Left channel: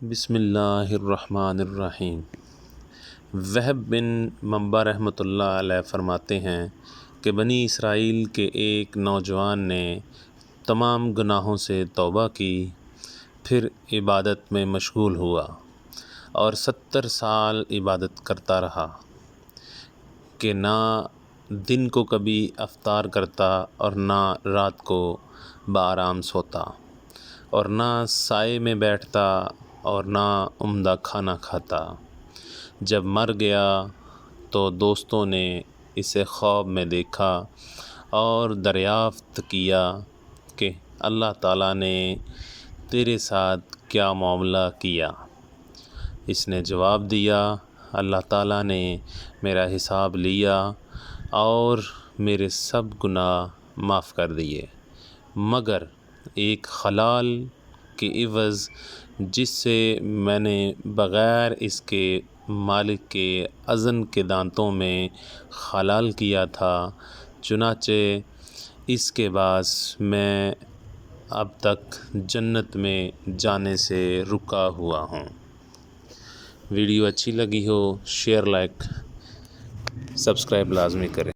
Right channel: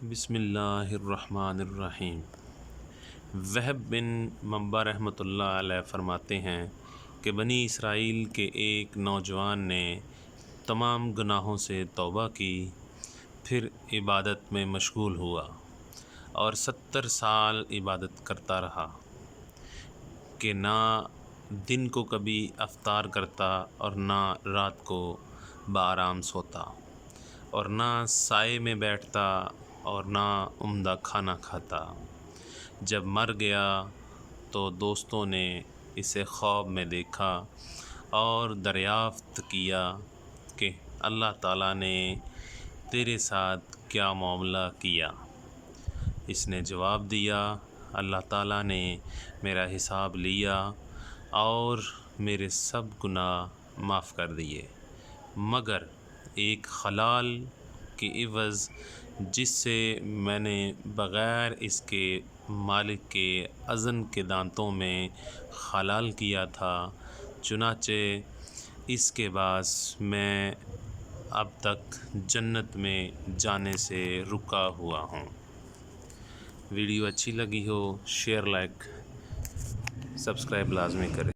بسم اللہ الرحمن الرحیم۔ وہب بن منبع رحمۃ اللہ علیہ فرماتے ہیں کہ بنی اسرائیل کے ایک نوجوان نے تمام گناہوں سے توبہ کی، پھر عبادت میں مشغول ہوا اور 70 سال عبادت کرتا رہا کہ نہ دن کو کبھی افطار کرتا اور نہ رات کو بآرام سوتا، اور نہ سائے میں بیٹھتا اور نہ عمدہ کھانا کھاتا۔ جب مر گیا تو دوستوں نے اسے خواب میں دیکھا اور دریافت کیا کہ اللہ تعالیٰ نے تیرے ساتھ کیا معاملہ کیا؟ اس نے جواب دیا، اللہ تعالیٰ نے میرا حساب لیا اور میرے سب گناہ معاف کر دیے، مگر ایک خلال کے عوض جس سے میں نے بغیر اس کے مالک کے اذن کے دانتوں میں خلال کیا تھا، چنانچہ اس کے باعث میں اب تک جنت میں جانے سے رکا ہوا ہوں۔ ویڈیو اچھی لگی ہو شیئر، لائک، سبسکرائب لازمی کریں۔